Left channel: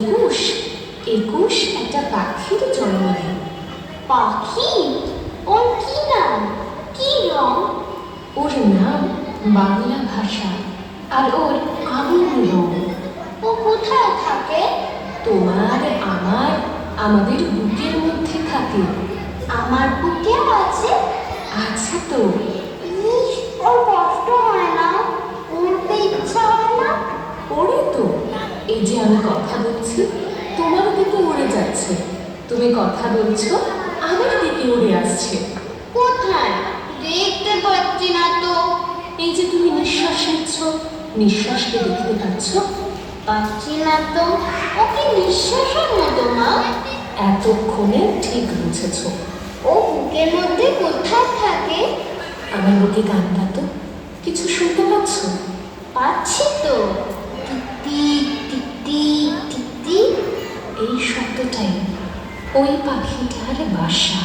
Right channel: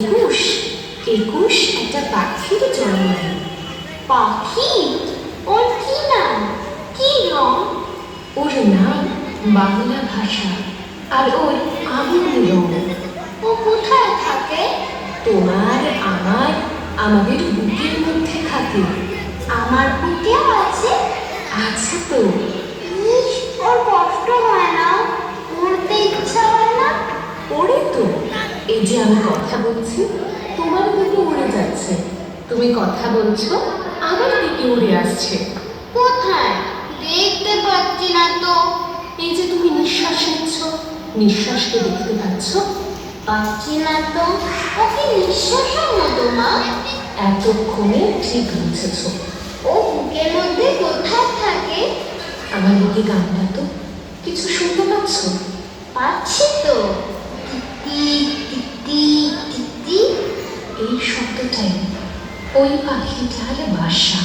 একুশ একুশ একটা পাখির জন্মদিন। পাখি? ওর কি নাম, কি রং? ওর নাম বাংলা ভাষা, আর ওর আগুন রং। ও কোথায় থাকে? তোমার আমার আমাদের বুকের মধ্যে থাকে। আমার বুকেও আছে? আছে তো। ইস, ওর কষ্ট হয় না? উড়তে ইচ্ছা হয় না? ওরে তো, এই যে আমি কথা বলছি তোমার দিকে উড়ে যাচ্ছে, তুমি কথা বলছো আমার দিকে উড়ে আসছে। কোথায়? দেখতে পাচ্ছি না তো। এই যে তুমি নিঃশ্বাস নিচ্ছ, নিঃশ্বাসকে দেখতে পাচ্ছ? পাচ্ছি না তো। ওকে নিঃশ্বাসের মতো না? এতক্ষণে ঠিক বুঝেছ। ও বুকের মধ্যে কোথায় থাকে? আমার বুকে গানটা তো কিছু শুনতে পাচ্ছ? পাচ্ছি তো। Tick tick tick tick. এই শব্দটাই ওই পাখিটার বাসা।